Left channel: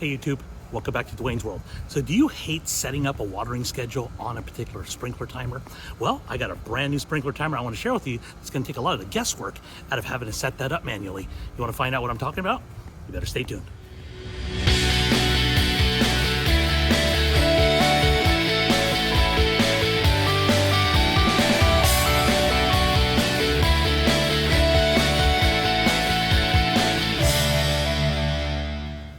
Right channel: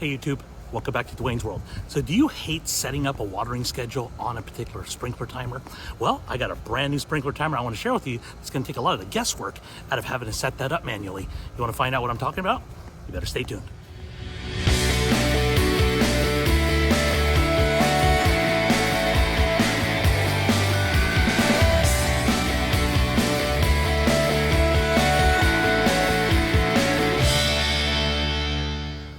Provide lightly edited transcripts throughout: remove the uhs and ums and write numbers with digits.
Hey YouTube, welcome back to Dwayne's World. So do you hate setting up a watering schedule on a particular sprinkler timer? Well, I got a brand new sprinkler timer I want to share with you. It's going to take a lot of the guesswork out of having to set that up manually. You want to find out what I'm talking about? You better stay tuned.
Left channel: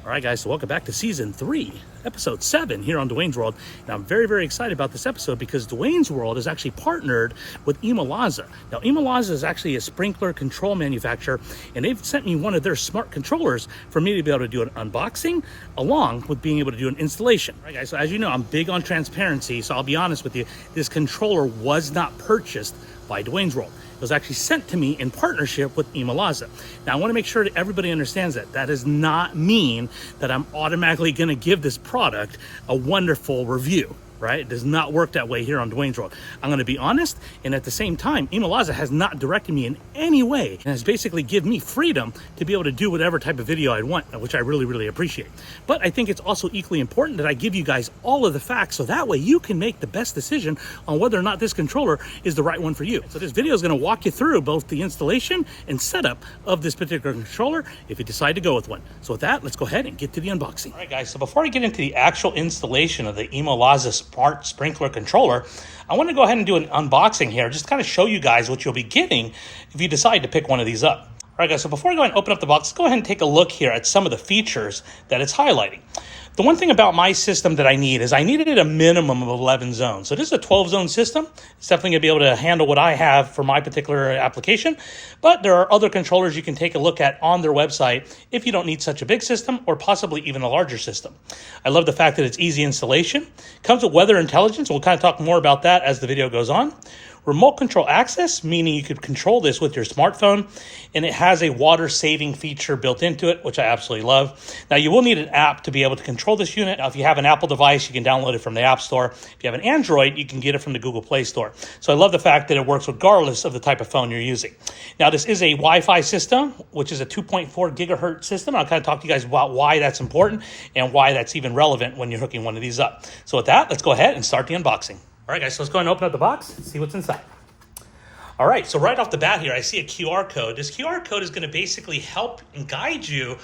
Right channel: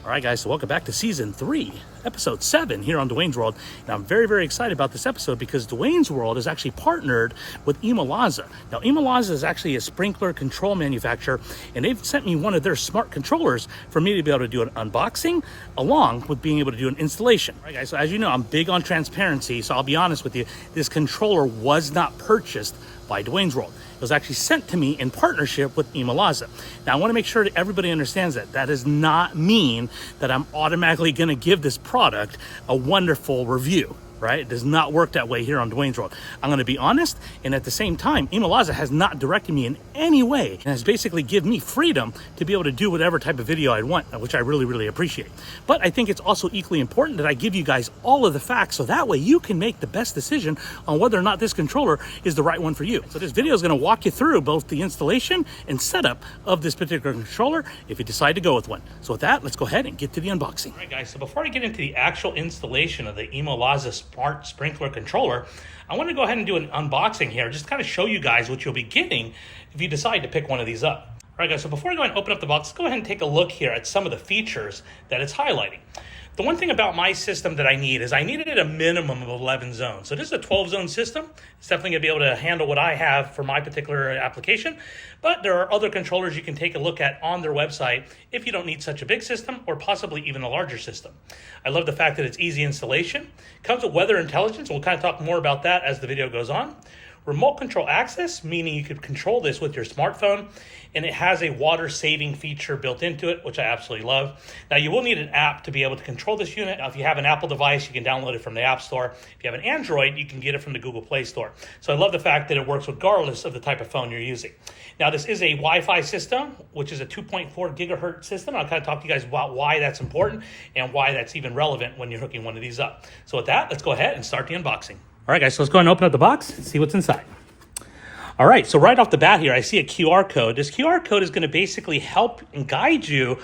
All right, guys, so welcome back to Season 3, Episode 7 here on Dwayne's World. Now, I'm very, very excited about this episode because Dwayne's World is actually partnered with ImoLaza. Now, ImoLaza is actually a sprinkler control manufacturer, and they've sent me one of their smart controllers for me to be able to do an unboxing along with being able to do an installation. All right, guys, so as you know, I'm big on transparency, so I'll be honest with you. This controller was not purchased by Dwayne's World. It was actually sent to me in partnership with ImoLaza. Now, I want to make sure that everybody understands that. That does not mean that I'm automatically going to give this product a wonderful review, right? It does not work that way here on Dwayne's World. I'm going to be honest, and at the same time, ImoLaza has not directed me in any way and has basically given me freedom to be able to do whatever type of video I want, which I really, really appreciate. But I think it's also equally important that I give you guys all of the facts so that way you can make the best decision on whether or not this controller is the right one for you. So this video is going to walk you through both the installation and setup of this particular controller if you decide to go with one. So with that, let's go ahead and get to the unboxing. All right, guys, so before I get into the actual installation of the ImoLaza Smart Sprinkler Controller, I want to go ahead and do an unboxing here, just kind of show you guys what you'll be getting if you decide to pick one of these up. All right, guys, so before I go ahead and open up the box, let's go ahead and take a look here at some of the features that it's highlighting. The one thing about my system that I need is I needed a minimum of 11 zones. So this is a 12-zone system. It's definitely going to be able to handle what I have for my particular application. But there are other controllers you can take a look at on their website if you don't need such a big system or possibly even a larger system. I love the fact that it's easy installation. Comes with weather intelligence. We'll kind of talk more about that as the video goes on. Remote control access, meaning you could control this with your smartphone, and it has a water saving feature built into it, which I absolutely love. Now, you will need an app to be able to control this unit. Now, if you have an Apple device, you can download it from the App Store. If you have an Android, you can get it from the Google Play Store. So I love the fact that it works regardless of the type of phone you're using. Now, this is a Wi-Fi system, which is a 2.4 gigahertz system. I'll kind of talk to you guys about why that's important and why that's even relevant when you're hooking one of these up. So with that, let's go ahead and start the unboxing. All right, guys, so let's go ahead and open up the box and see what's inside. All right, so right off the bat here, I see a QR code. This QR code is going to basically help and guide you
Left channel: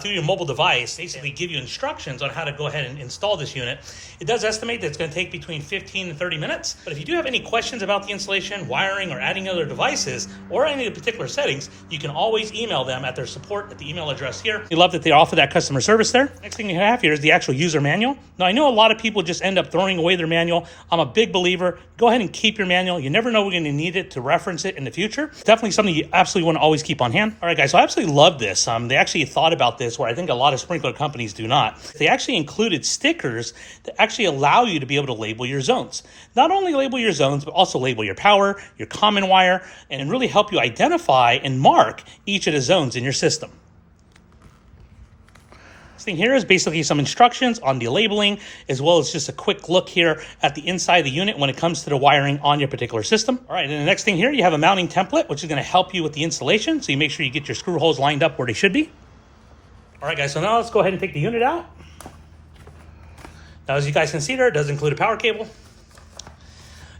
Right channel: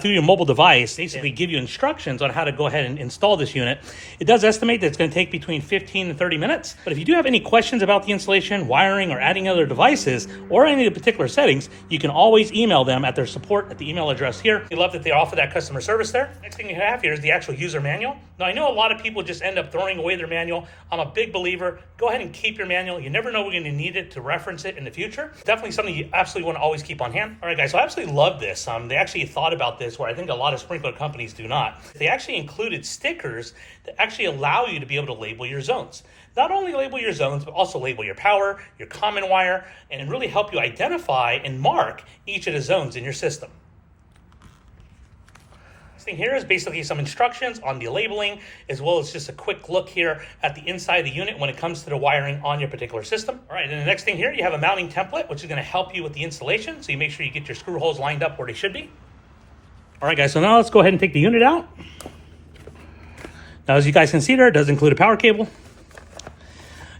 through your mobile device, basically give you instructions on how to go ahead and install this unit. It does estimate that it's going to take between 15 and 30 minutes. But if you do have any questions about the installation, wiring, or adding other devices, or any of the particular settings, you can always email them at their support at the email address here. We love that they offer that customer service there. Next thing you have here is the actual user manual. Now, I know a lot of people just end up throwing away their manual. I'm a big believer. Go ahead and keep your manual. You never know when you're going to need it to reference it in the future. It's definitely something you absolutely want to always keep on hand. All right, guys, so I absolutely love this. They actually thought about this where I think a lot of sprinkler companies do not. They actually included stickers that actually allow you to be able to label your zones. Not only label your zones, but also label your power, your common wire, and really help you identify and mark each of the zones in your system. This thing here is basically some instructions on the labeling, as well as just a quick look here at the inside of the unit when it comes to the wiring on your particular system. All right, and the next thing here, you have a mounting template, which is going to help you with the installation, so you make sure you get your screw holes lined up where they should be. All right, guys, so now let's go ahead and take the unit out. Now, as you guys can see there, it does include a power cable,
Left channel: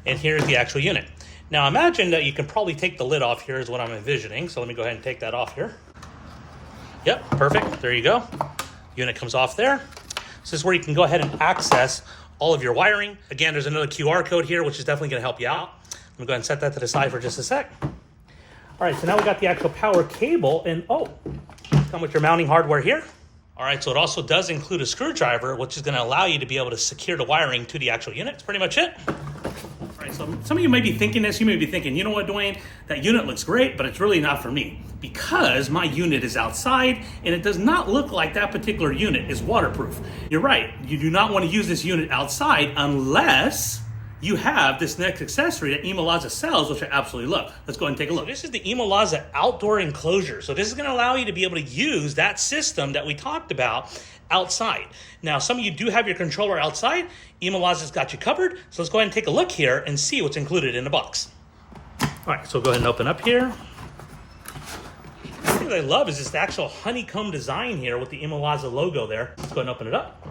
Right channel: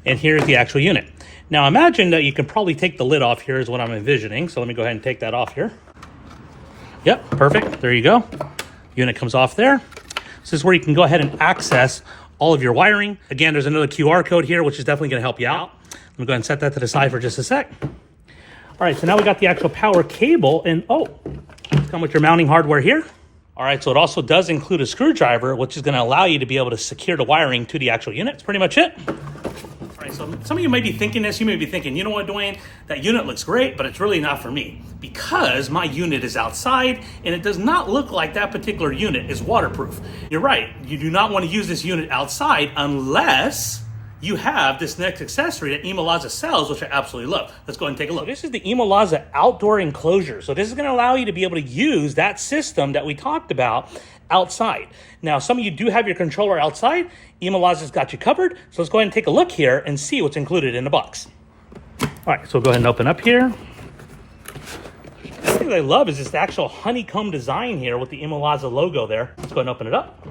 and here's the actual unit. Now, imagine that you can probably take the lid off here is what I'm envisioning, so let me go ahead and take that off here. Yep, perfect, there you go. Unit comes off there. This is where you can go ahead and access all of your wiring. Again, there's another QR code here, which is definitely going to help you out. Let me go ahead and set that to the side for just a sec. All right, so now we got the actual power cable, and come with your mounting hardware here. All right, so it also does include a screwdriver, which is going to allow you to be able to secure the wiring to the actual unit. That's pretty much it. All right, so some of you may be thinking this. You may be thinking, you know what, Dwayne, that unit looks great, but it's really not for me because my unit is outside and it does not look like that particular unit is waterproof. You're right. You do not want to use this unit outside unless you have this next accessory that ImoLaza sells, which I absolutely love. Let's go ahead and take a look. This is the ImoLaza outdoor enclosure. So this is going to allow you to be able to use that system that we talked about outside. Now, some of you do have your controller outside. ImoLaza's got you covered. So let's go ahead and take a look here and see what's included in the box. All right, so we'll go ahead and open up here. One thing I love is this actual honeycomb design here with the ImoLaza logo there. Let's go ahead and open it up.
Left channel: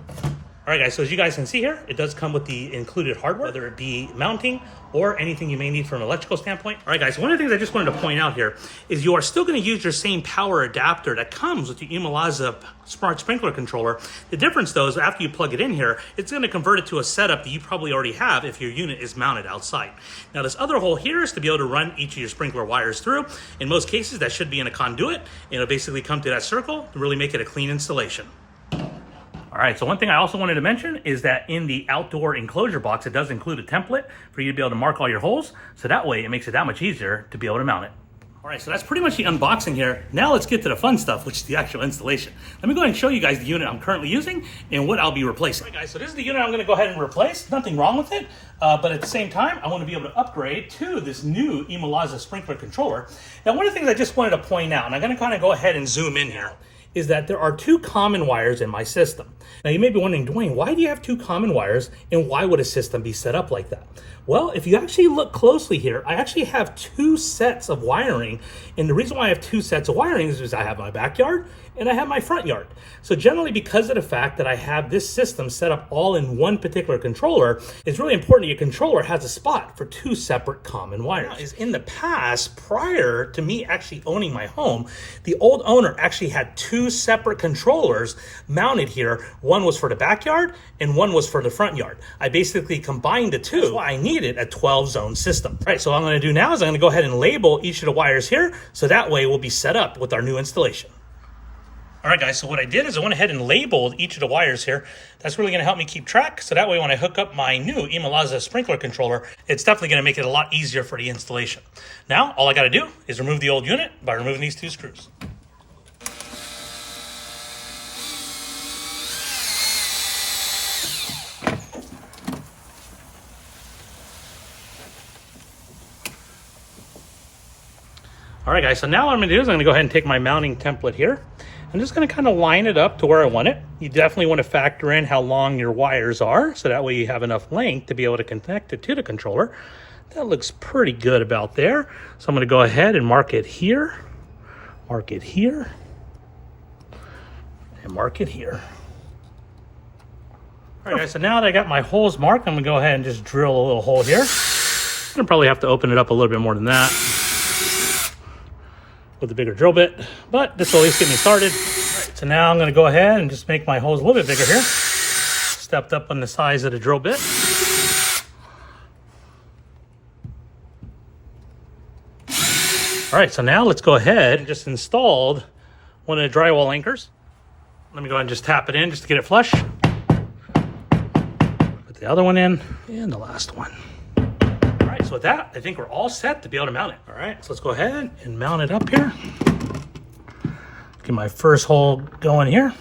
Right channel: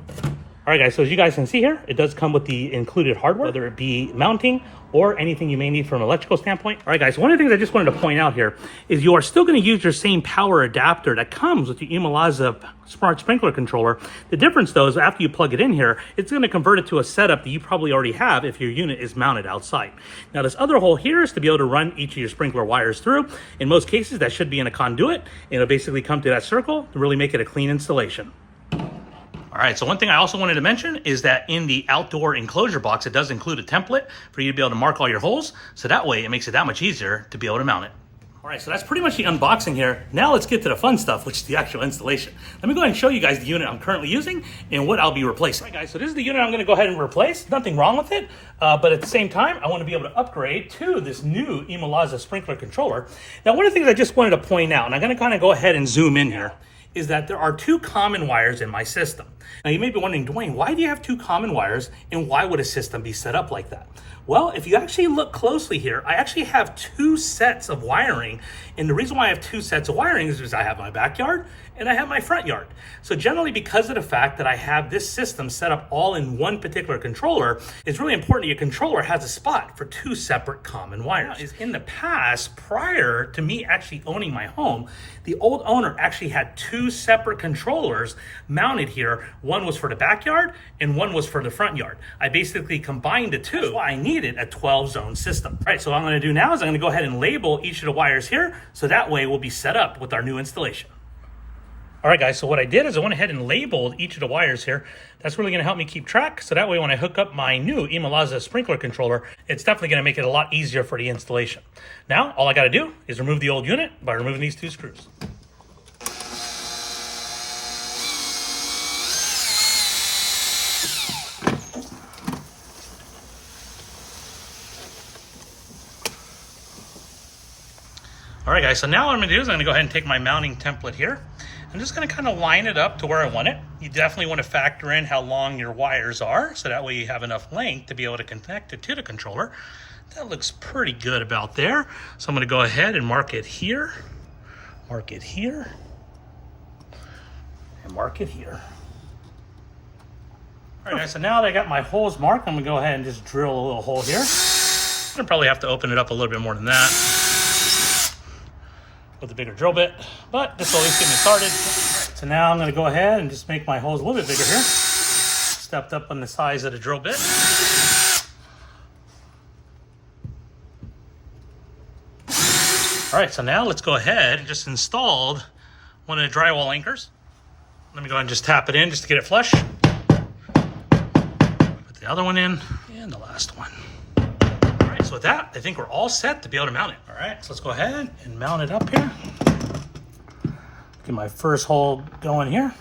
All right, guys, so as you guys can see here, it does come with the included hardware, whether it be mounting or anything you may need from an electrical standpoint. All right, guys, so one of the things I just wanted to point out here is you are still going to use your same power adapter that comes with the ImoLaza smart sprinkler controller. The difference, though, is after you plug it in here, it's going to convert it to a setup that you probably already have if your unit is mounted outside. Now, this other hole here is to be able to run each of your sprinkler wires through. In most cases, that should be in a conduit, and it'll basically come to that circle to really make it a clean installation. All right, so one thing I also wanted to mention is that in the outdoor enclosure box, it does include a template for you to be able to mark all your holes. So that way it makes it that much easier to be able to mount it. All right, so that's pretty much the unboxing here. Now let's get to the fun stuff, which is the actual installation. Let me go ahead and show you guys the unit I'm currently using and what I'll be replacing. All right, guys, so this is the unit I'm gonna go ahead and replace. Nothing wrong with it, but at the same time, I wanna be able to upgrade to this new ImoLaza sprinkler controller. Now, one of the things I just wanted to point out, and I'm gonna kind of go ahead and zoom in here, is that there are two common wires in my system. Now you may be wondering, Dwayne, why do you have two common wires and why would a system be set up like that? Well, if you actually look closely here, I actually have two sets of wiring. And the reason why I have two sets of wiring is because I have my backyard and I have my front yard. So generally, because of the fact that I have this system set up all in one particular controller, it's really important that your controller has a spot for two separate common wires. In the past, prior to me actually owning my home, the old owner actually had two separate controllers mounted here. One was for the backyard and one was for the front yard. I basically combined the two. That's why I needed a 12-zone system. All right, so what I'm gonna do now is I'm gonna go ahead and label each of the wires here, so that way we'll be set up with our new installation. All right, guys, so what I did is I went ahead and labeled each of the wires here. That's really gonna help me keep track, so that way when I hook up my new ImoLaza sprinkler controller, it's definitely gonna make it a lot easier for the installation. Now, all I gotta do is remove the old unit by removing these two screws. All right, guys, so now what I'm gonna do is I'm gonna go ahead and take my mounting template here. I'm just gonna kind of line it up to where I want it. You definitely want to factor in how long your wires are, so that way you have enough length to be able to connect it to the controller. That looks pretty good about there. So I'm gonna go ahead and mark it here, and mark it here. All right, so now that I got my holes marked, I'm gonna go ahead and just drill a little hole here. I'm gonna probably have to open it up a little bit more than that with a bigger drill bit, but this will at least get me started. So now I'm gonna go ahead and just make my holes a little bit bigger here. Stepped up on the size of the drill bit. All right, so now let's go ahead and just install one of the drywall anchors. Let me go ahead and just tap it in just to get it flush. Put the other one in, and the last one. So with that, I think we're all set to be able to mount it. All right, so let's go ahead and mount it up here. Get my first hole going here.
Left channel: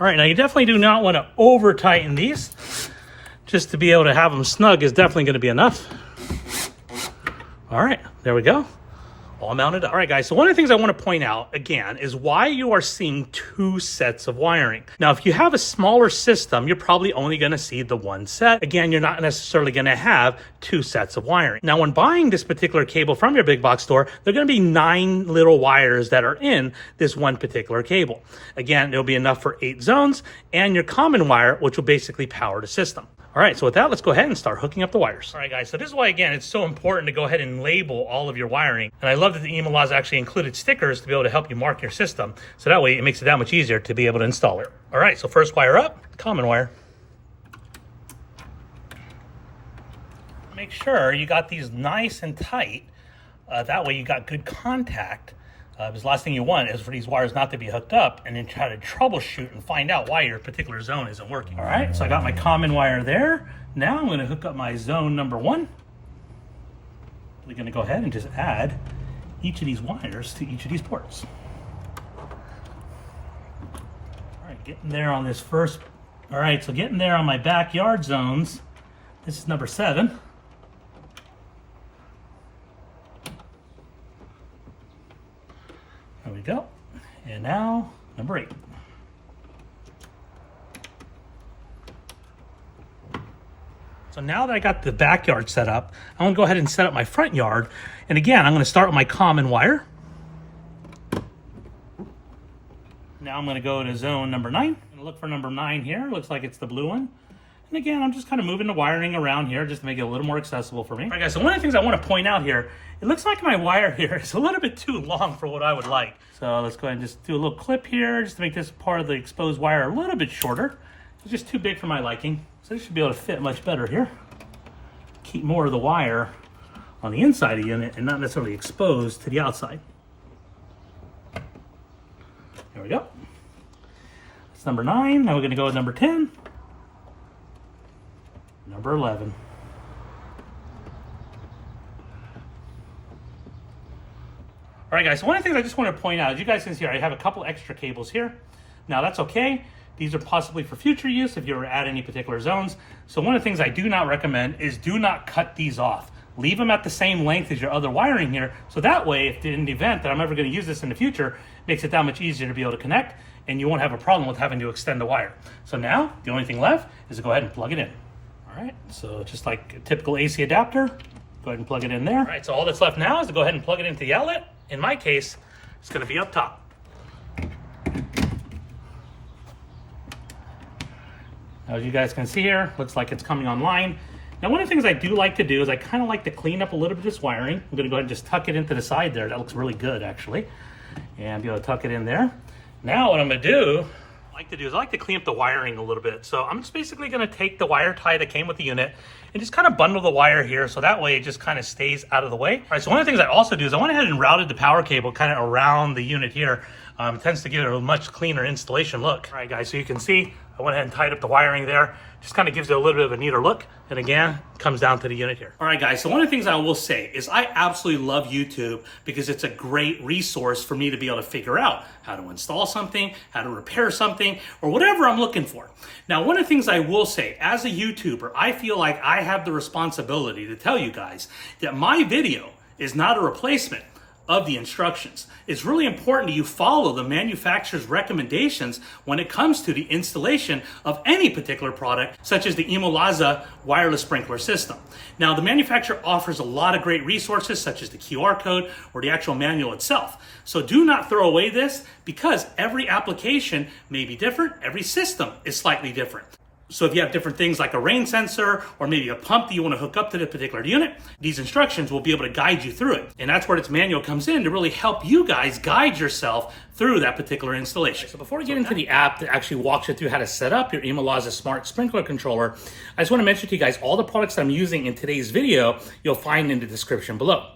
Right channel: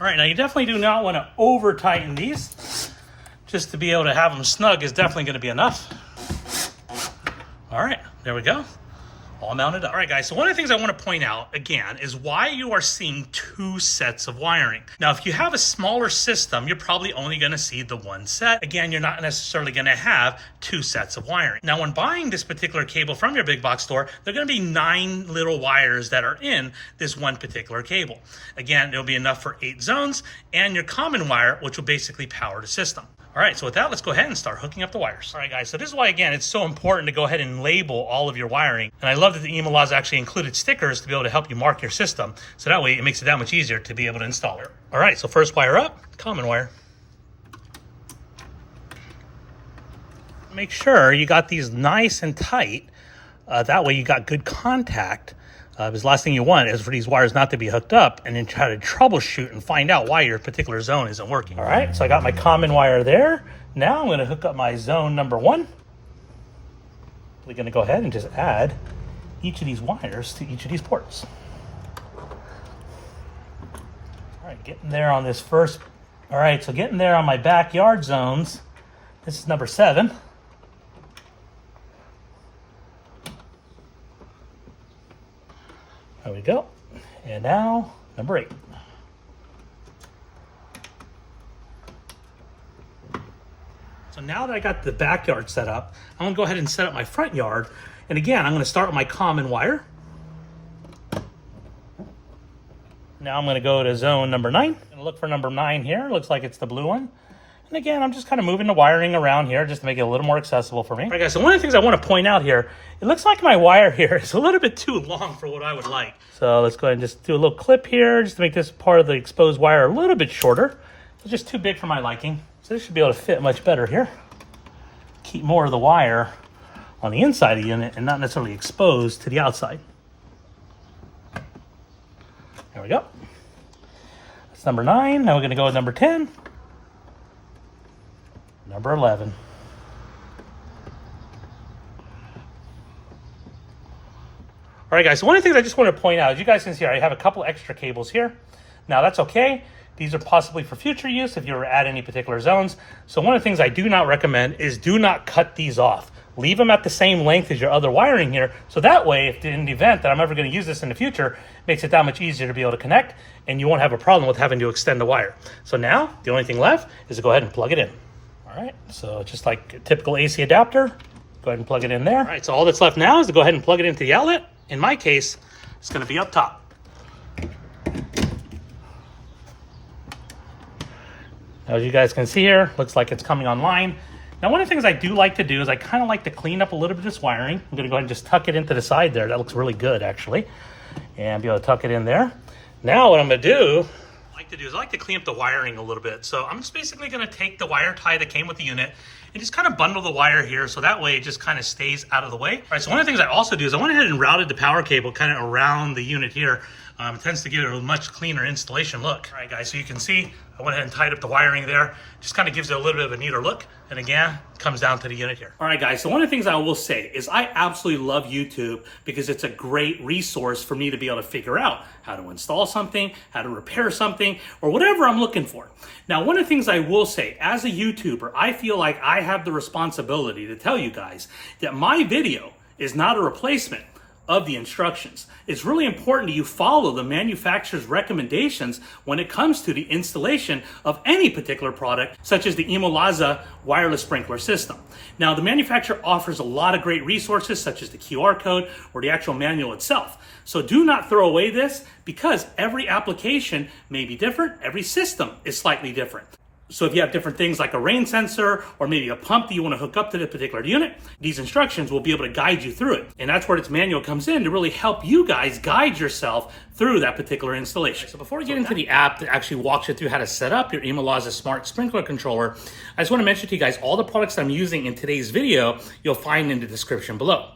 All right, now you definitely do not want to over tighten these. Just to be able to have them snug is definitely going to be enough. All right, there we go. All mounted up. All right, guys, so one of the things I want to point out, again, is why you are seeing two sets of wiring. Now, if you have a smaller system, you're probably only going to see the one set. Again, you're not necessarily going to have two sets of wiring. Now, when buying this particular cable from your big box store, there are going to be 9 little wires that are in this one particular cable. Again, it'll be enough for 8 zones and your common wire, which will basically power the system. All right, so with that, let's go ahead and start hooking up the wires. All right, guys, so this is why, again, it's so important to go ahead and label all of your wiring. And I love that the ImoLaza actually included stickers to be able to help you mark your system. So that way it makes it that much easier to be able to install it. All right, so first wire up, common wire. Make sure you got these nice and tight. That way you got good contact. Because the last thing you want is for these wires not to be hooked up and then try to troubleshoot and find out why your particular zone isn't working. All right, so I got my common wire there. Now I'm going to hook up my zone number 1. We're going to go ahead and just add each of these wires to each of these ports. All right, getting there on this first. All right, so getting there on my backyard zones. This is number 7. There we go. And now, number 8. now that I got the backyard set up, I'm gonna go ahead and set up my front yard. And again, I'm gonna start with my common wire. Now I'm gonna go to zone number 9 and look for number 9 here. Looks like it's the blue one. And again, I'm just kind of moving the wiring around here just to make it a little more accessible for me. All right, guys, so one of the things I want to point out here, it looks like my wire here is a little bit too long for what I would like. So let's go ahead and just do a little clip here just to make this part of the exposed wire a little bit shorter. It's just too big for my liking. So this should be able to fit much better here. Keep more of the wire on the inside of the unit and not necessarily exposed to the outside. There we go. That's number 9. Now we're going to go with number 10. Number 11. All right, guys, so one of the things I just want to point out, as you guys can see here, I have a couple extra cables here. Now, that's okay. These are possibly for future use if you ever add any particular zones. So one of the things I do not recommend is do not cut these off. Leave them at the same length as your other wiring here. So that way, if in the event that I'm ever going to use this in the future, it makes it that much easier to be able to connect, and you won't have a problem with having to extend the wire. So now, the only thing left is to go ahead and plug it in. All right, so just like a typical AC adapter, go ahead and plug it in there. All right, so all that's left now is to go ahead and plug it into the outlet. In my case, it's going to be up top. Now, as you guys can see here, looks like it's coming online. Now, one of the things I do like to do is I kind of like to clean up a little bit of this wiring. I'm going to go ahead and just tuck it into the side there. That looks really good, actually. And be able to tuck it in there. Now, what I'm going to do, I like to clean up the wiring a little bit. So I'm just basically going to take the wire tie that came with the unit and just kind of bundle the wire here so that way it just kind of stays out of the way. All right, so one of the things I also do is I went ahead and routed the power cable kind of around the unit here. It tends to give it a much cleaner installation look. All right, guys, so you can see I went ahead and tied up the wiring there. Just kind of gives it a little bit of a neater look. And again, comes down to the unit here. All right, guys, so one of the things I will say is I absolutely love YouTube because it's a great resource for me to be able to figure out how to install something, how to repair something, or whatever I'm looking for. Now, one of the things I will say, as a YouTuber, I feel like I have the responsibility to tell you guys that my video is not a replacement of the instructions. It's really important that you follow the manufacturer's recommendations when it comes to the installation of any particular product, such as the ImoLaza wireless sprinkler system. Now, the manufacturer offers a lot of great resources, such as the QR code or the actual manual itself. So do not throw away this because every application may be different. Every system is slightly different. So if you have different things like a rain sensor or maybe a pump that you want to hook up to the particular unit, these instructions will be able to guide you through it. And that's where this manual comes in to really help you guys guide yourself through that particular installation. So before we get into the app that actually walks you through how to set up your ImoLaza Smart Sprinkler Controller, I just want to mention to you guys all the products that I'm using in today's video, you'll find in the description below.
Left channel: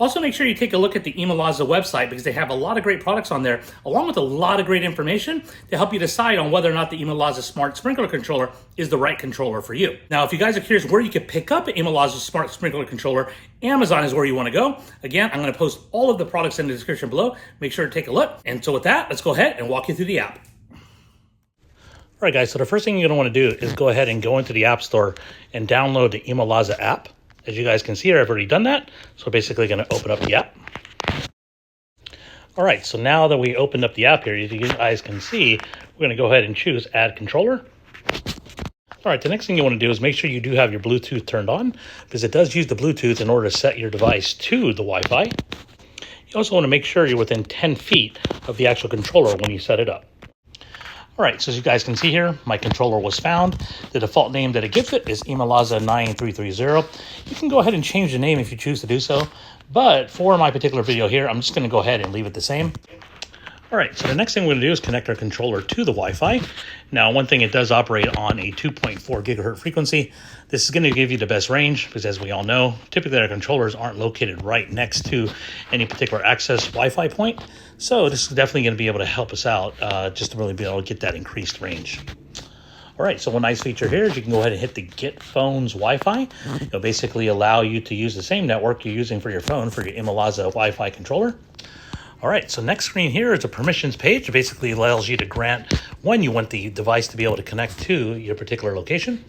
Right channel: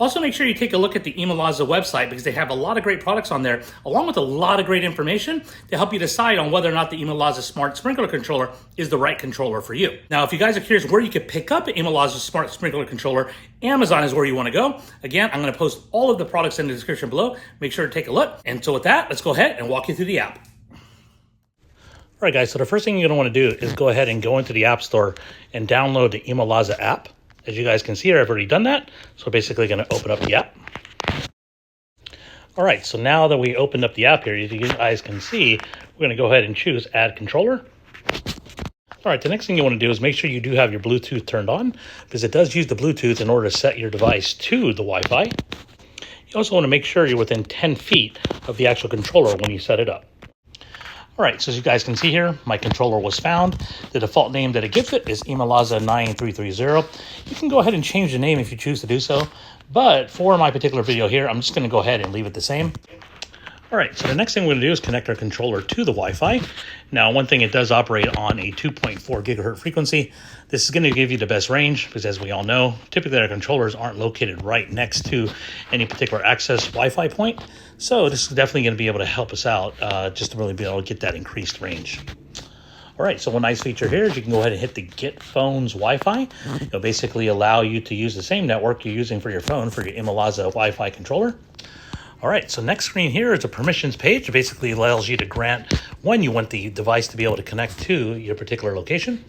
Also, make sure you take a look at the ImoLaza website because they have a lot of great products on there, along with a lot of great information to help you decide on whether or not the ImoLaza Smart Sprinkler Controller is the right controller for you. Now, if you guys are curious where you can pick up an ImoLaza Smart Sprinkler Controller, Amazon is where you want to go. Again, I'm going to post all of the products in the description below. Make sure to take a look. And so with that, let's go ahead and walk you through the app. All right, guys, so the first thing you're going to want to do is go ahead and go into the App Store and download the ImoLaza app. As you guys can see here, I've already done that. So we're basically going to open up the app. All right, so now that we opened up the app here, as you guys can see, we're going to go ahead and choose Add Controller. All right, the next thing you want to do is make sure you do have your Bluetooth turned on because it does use the Bluetooth in order to set your device to the Wi-Fi. You also want to make sure you're within 10 feet of the actual controller when you set it up. All right, so as you guys can see here, my controller was found. The default name that it gives it is ImoLaza 9330. You can go ahead and change the name if you choose to do so, but for my particular video here, I'm just going to go ahead and leave it the same. All right, so the next thing we're going to do is connect our controller to the Wi-Fi. Now, one thing, it does operate on a 2.4 gigahertz frequency. This is going to give you the best range because, as we all know, typically our controllers aren't located right next to any particular access Wi-Fi point. So this is definitely going to be able to help us out just to really be able to get that increased range. All right, so one nice feature here is you can go ahead and hit the Get Phones Wi-Fi. It'll basically allow you to use the same network you're using for your phone for your ImoLaza Wi-Fi controller. All right, so next screen here is a permissions page. It basically allows you to grant when you want the device to be able to connect to your particular location.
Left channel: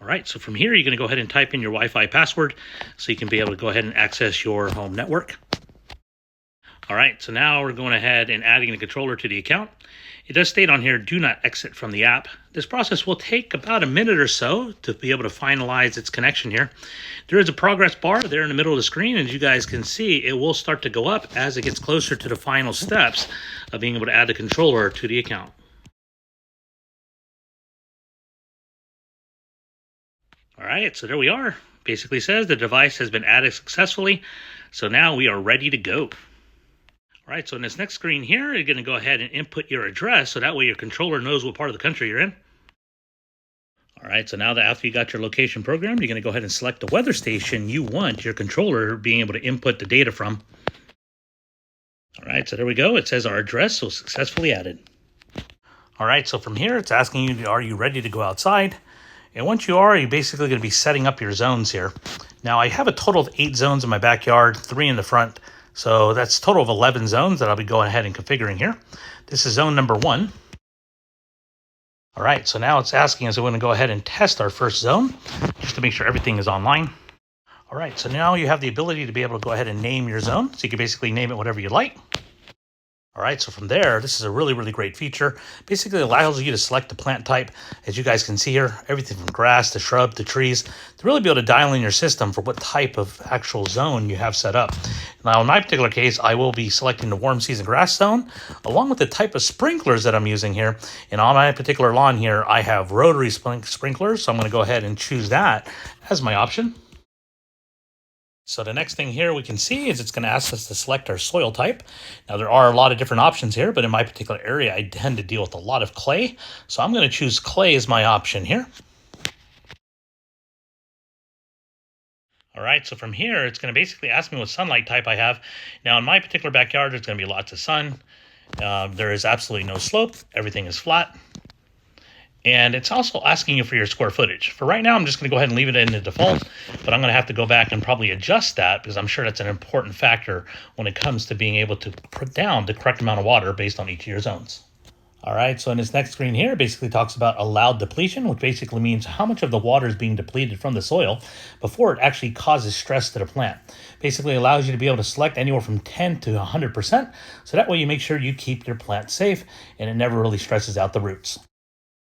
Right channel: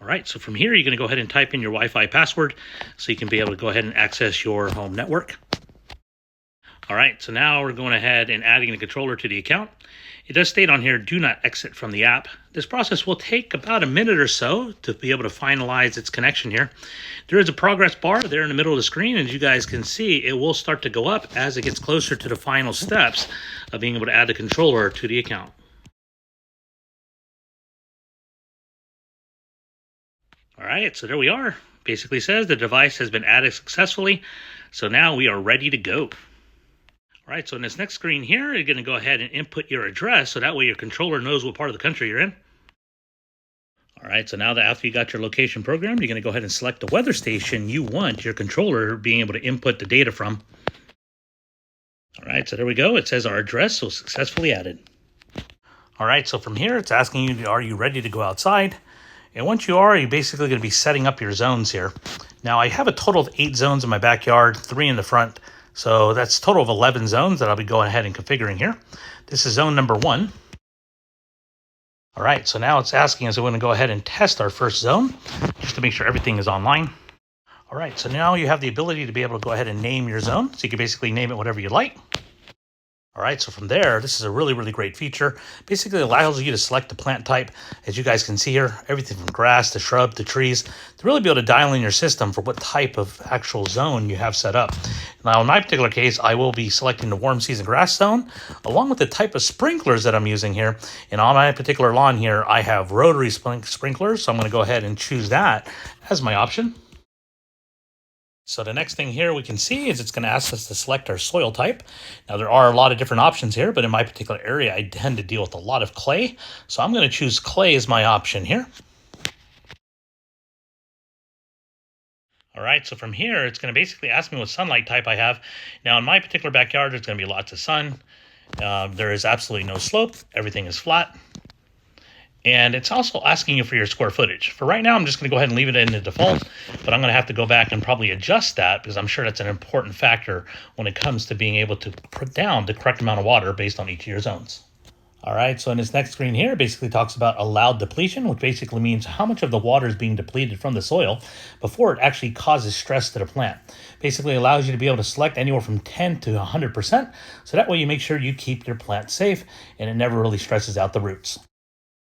All right, so from here, you're going to go ahead and type in your Wi-Fi password so you can be able to go ahead and access your home network. All right, so now we're going ahead and adding the controller to the account. It does state on here, do not exit from the app. This process will take about a minute or so to be able to finalize its connection here. There is a progress bar there in the middle of the screen, and as you guys can see, it will start to go up as it gets closer to the final steps of being able to add the controller to the account. All right, so there we are. Basically says the device has been added successfully, so now we are ready to go. All right, so in this next screen here, you're going to go ahead and input your address, so that way your controller knows what part of the country you're in. All right, so now that after you got your location programmed, you're going to go ahead and select the weather station you want your controller being able to input the data from. All right, so there we go. It says our address was successfully added. All right, so from here, it's asking you, are you ready to go outside? And once you are, you're basically going to be setting up your zones here. Now, I have a total of 8 zones in my backyard, 3 in the front. So that's a total of 11 zones that I'll be going ahead and configuring here. This is zone number 1. All right, so now it's asking us, we're going to go ahead and test our first zone just to make sure everything is online. All right, so now you have the ability to be able to go ahead and name your zone. So you can basically name it whatever you like. All right, so from there, this is a really, really great feature. Basically allows you to select the plant type. As you guys can see here, everything from grass to shrub to trees, to really be able to dial in your system for what type of actual zone you have set up. Now, in my particular case, I will be selecting the warm season grass zone, along with the type of sprinklers that I'm using here. And on my particular lawn here, I have rotary sprinklers, so I'm going to go ahead and choose that as my option. So the next thing here we can see is it's going to ask us to select our soil type. Now there are a lot of different options here, but in my particular area, I tend to deal with a lot of clay. So I'm going to choose clay as my option here. All right, so from here, it's going to basically ask me what sunlight type I have. Now in my particular backyard, there's going to be lots of sun. There is absolutely no slope. Everything is flat. And it's also asking you for your square footage. For right now, I'm just going to go ahead and leave it in the default, but I'm going to have to go back and probably adjust that because I'm sure that's an important factor when it comes to being able to put down the correct amount of water based on each of your zones. All right, so in this next screen here, basically talks about allowed depletion, which basically means how much of the water is being depleted from the soil before it actually causes stress to the plant. Basically allows you to be able to select anywhere from 10 to 100%, so that way you make sure you keep your plant safe and it never really stresses out the roots.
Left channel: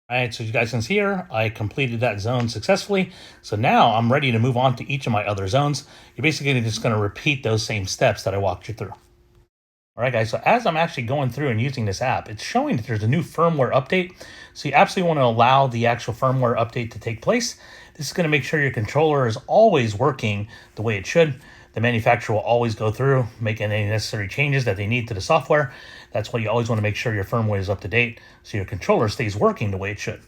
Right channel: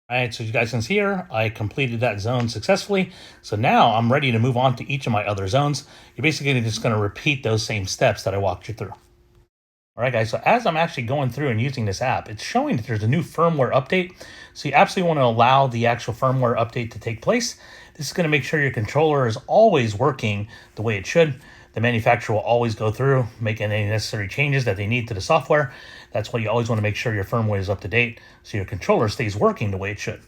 All right, so you guys can see here, I completed that zone successfully. So now I'm ready to move on to each of my other zones. You're basically just going to repeat those same steps that I walked you through. All right, guys, so as I'm actually going through and using this app, it's showing that there's a new firmware update. So you absolutely want to allow the actual firmware update to take place. This is going to make sure your controller is always working the way it should. The manufacturer will always go through, making any necessary changes that they need to the software. That's why you always want to make sure your firmware is up to date so your controller stays working the way it should.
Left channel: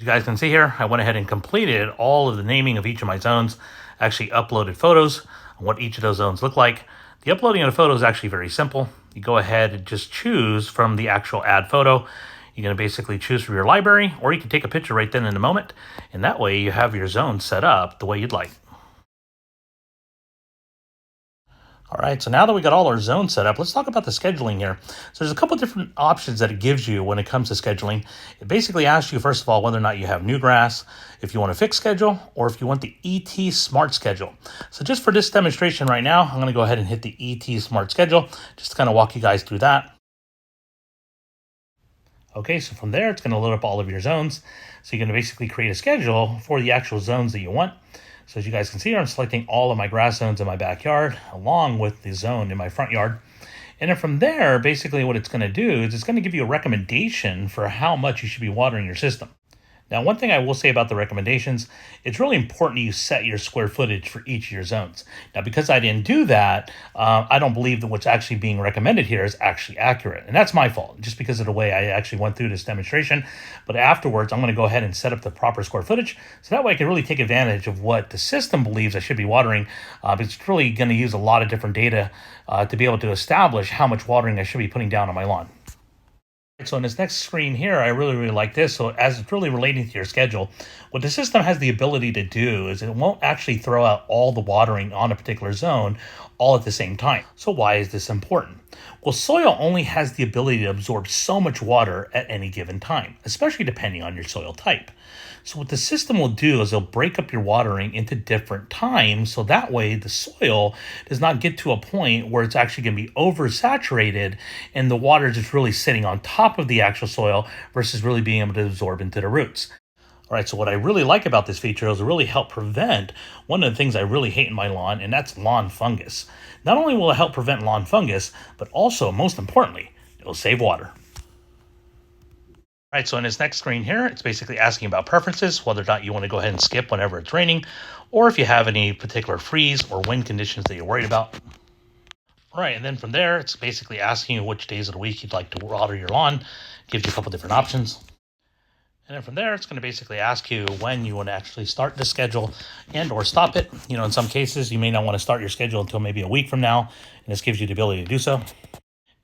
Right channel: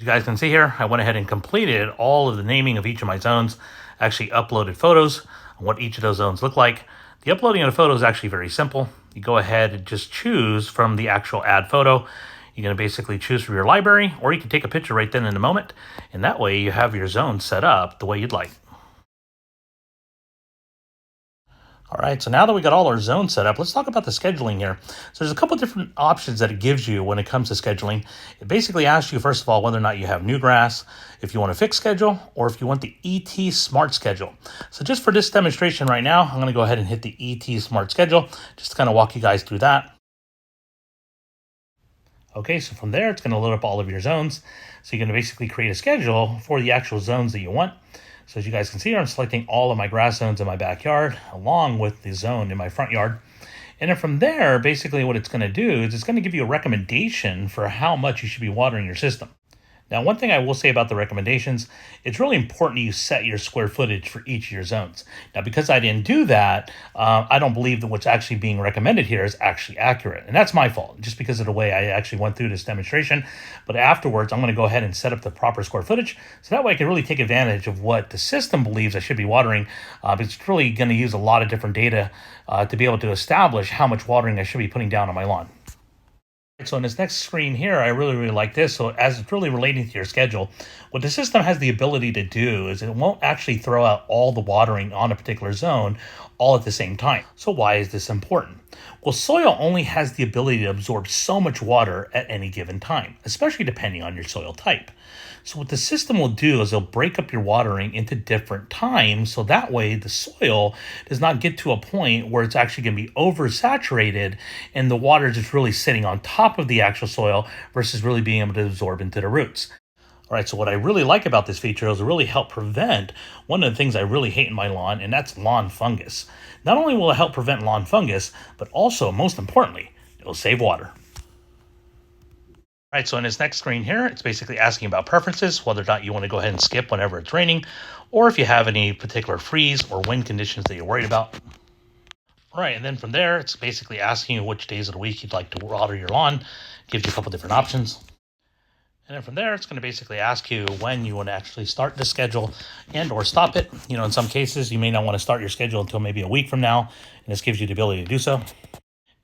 You guys can see here, I went ahead and completed all of the naming of each of my zones. I actually uploaded photos on what each of those zones look like. The uploading of the photo is actually very simple. You go ahead and just choose from the actual add photo. You're going to basically choose from your library, or you can take a picture right then in the moment. And that way you have your zone set up the way you'd like. All right, so now that we got all our zones set up, let's talk about the scheduling here. So there's a couple different options that it gives you when it comes to scheduling. It basically asks you, first of all, whether or not you have new grass, if you want a fixed schedule, or if you want the ET Smart Schedule. So just for this demonstration right now, I'm going to go ahead and hit the ET Smart Schedule, just to kind of walk you guys through that. Okay, so from there, it's going to load up all of your zones. So you're going to basically create a schedule for the actual zones that you want. So as you guys can see here, I'm selecting all of my grass zones in my backyard, along with the zone in my front yard. And then from there, basically what it's going to do is it's going to give you a recommendation for how much you should be watering your system. Now, one thing I will say about the recommendations, it's really important you set your square footage for each of your zones. Now, because I didn't do that, I don't believe that what's actually being recommended here is actually accurate. And that's my fault, just because of the way I actually went through this demonstration. But afterwards, I'm going to go ahead and set up the proper square footage, so that way I can really take advantage of what the system believes I should be watering. It's really going to use a lot of different data to be able to establish how much watering I should be putting down on my lawn. So in this next screen here, I really like this. So as it's really relating to your schedule, what the system has the ability to do is it won't actually throw out all the watering on a particular zone all at the same time. So why is this important? Well, soil only has the ability to absorb so much water at any given time, especially depending on your soil type. So what the system will do is it'll break up your watering into different times, so that way the soil does not get to a point where it's actually going to be oversaturated and the water is just really sitting on top of the actual soil versus really being able to absorb into the roots. All right, so what I really like about this feature is it really help prevent one of the things I really hate in my lawn, and that's lawn fungus. Not only will it help prevent lawn fungus, but also, most importantly, it'll save water. All right, so in this next screen here, it's basically asking about preferences, whether or not you want to go ahead and skip whenever it's raining, or if you have any particular freeze or wind conditions that you're worried about. All right, and then from there, it's basically asking you which days of the week you'd like to water your lawn. Gives you a couple different options. And then from there, it's going to basically ask you when you want to actually start the schedule and or stop it. You know, in some cases, you may not want to start your schedule until maybe a week from now, and this gives you the ability to do so.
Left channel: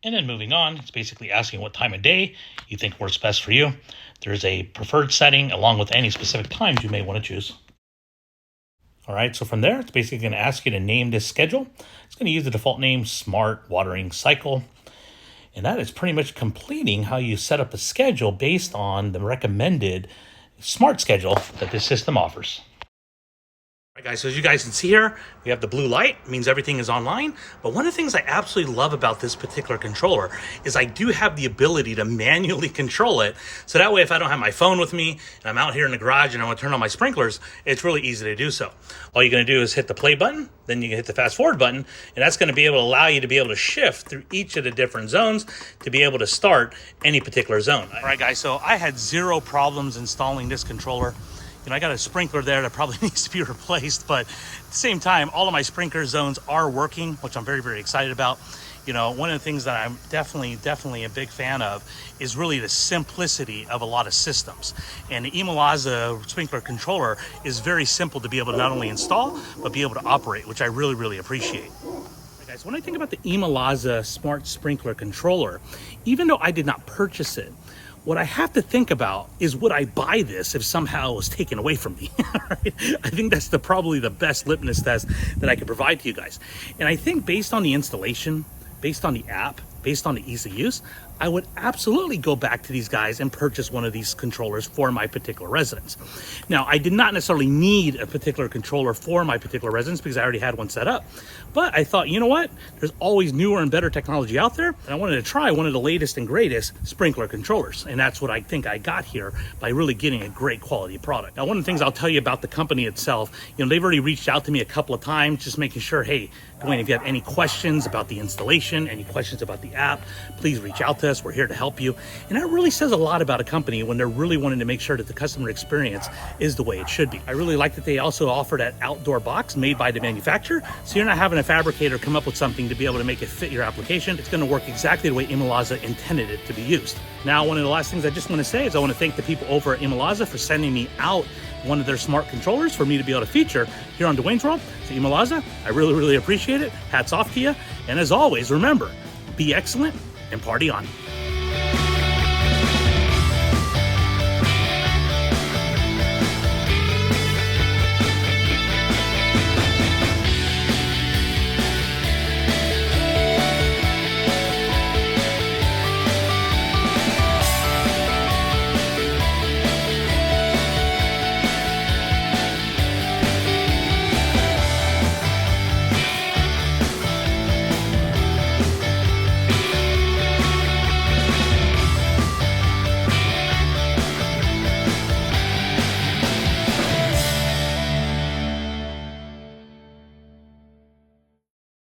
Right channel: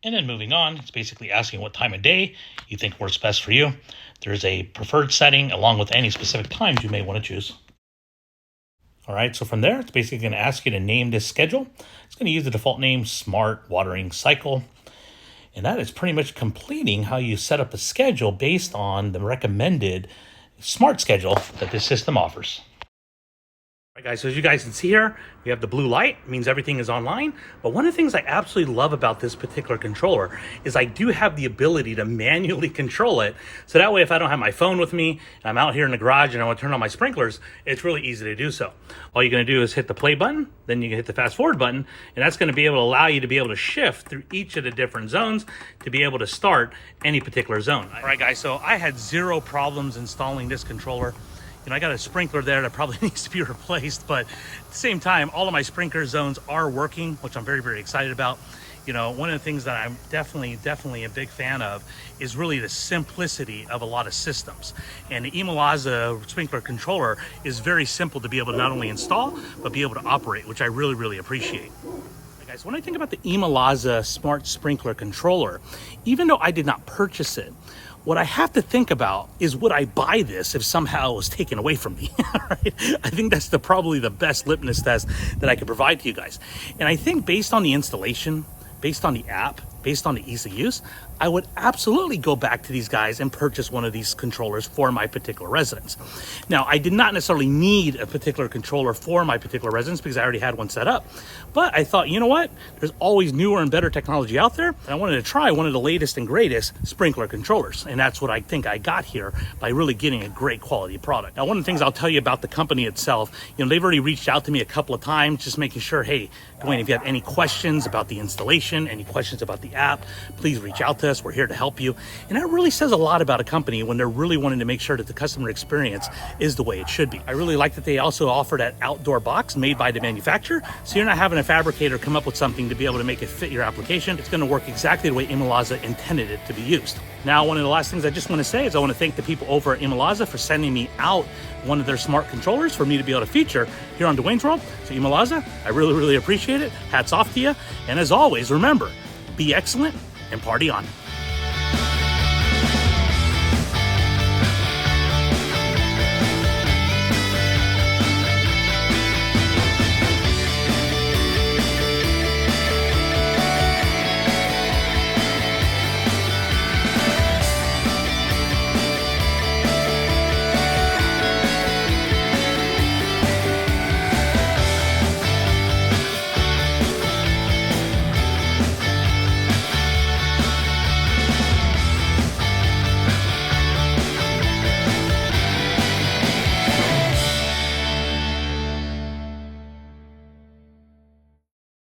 And then moving on, it's basically asking what time of day you think works best for you. There's a preferred setting along with any specific times you may want to choose. All right, so from there, it's basically going to ask you to name this schedule. It's going to use the default name, Smart Watering Cycle. And that is pretty much completing how you set up a schedule based on the recommended smart schedule that this system offers. All right, guys, so as you guys can see here, we have the blue light. It means everything is online. But one of the things I absolutely love about this particular controller is I do have the ability to manually control it. So that way, if I don't have my phone with me, and I'm out here in the garage and I want to turn on my sprinklers, it's really easy to do so. All you're going to do is hit the play button, then you can hit the fast forward button, and that's going to be able to allow you to be able to shift through each of the different zones to be able to start any particular zone. All right, guys, so I had zero problems installing this controller. You know, I got a sprinkler there that probably needs to be replaced, but at the same time, all of my sprinkler zones are working, which I'm very, very excited about. You know, one of the things that I'm definitely a big fan of is really the simplicity of a lot of systems. And the ImoLaza sprinkler controller is very simple to be able to not only install, but be able to operate, which I really, really appreciate. Guys, when I think about the ImoLaza smart sprinkler controller, even though I did not purchase it, what I have to think about is, would I buy this if somehow it was taken away from me? I think that's probably the best litmus test that I could provide to you guys. And I think based on the installation, based on the app, based on the ease of use, I would absolutely go back to these guys and purchase one of these controllers for my particular residence. Now, I did not necessarily need a particular controller for my particular residence because I already had one set up. But I thought, you know what? There's always newer and better technology out there. And I wanted to try one of the latest and greatest sprinkler controllers. And that's what I think I got here by really getting a great quality product. Now, one of the things I'll tell you about the company itself, you know, they've already reached out to me a couple of times, just making sure, hey, Dwayne, if you have any questions about the installation, any questions about the app, please reach out to us. We're here to help you. And that really says a lot about a company when they're really wanting to make sure that the customer experience is the way it should be. I really like that they also offer that outdoor box made by the manufacturer. So you're not having a fabricator come up with something to be able to make it fit your application. It's going to work exactly the way ImoLaza intended it to be used. Now, one of the last things I just want to say is I want to thank the people over at ImoLaza for sending me out one of their smart controllers for me to be able to feature here on Dwayne's World. So ImoLaza, I really, really appreciate it. Hats off to you. And as always, remember, be excellent and party on.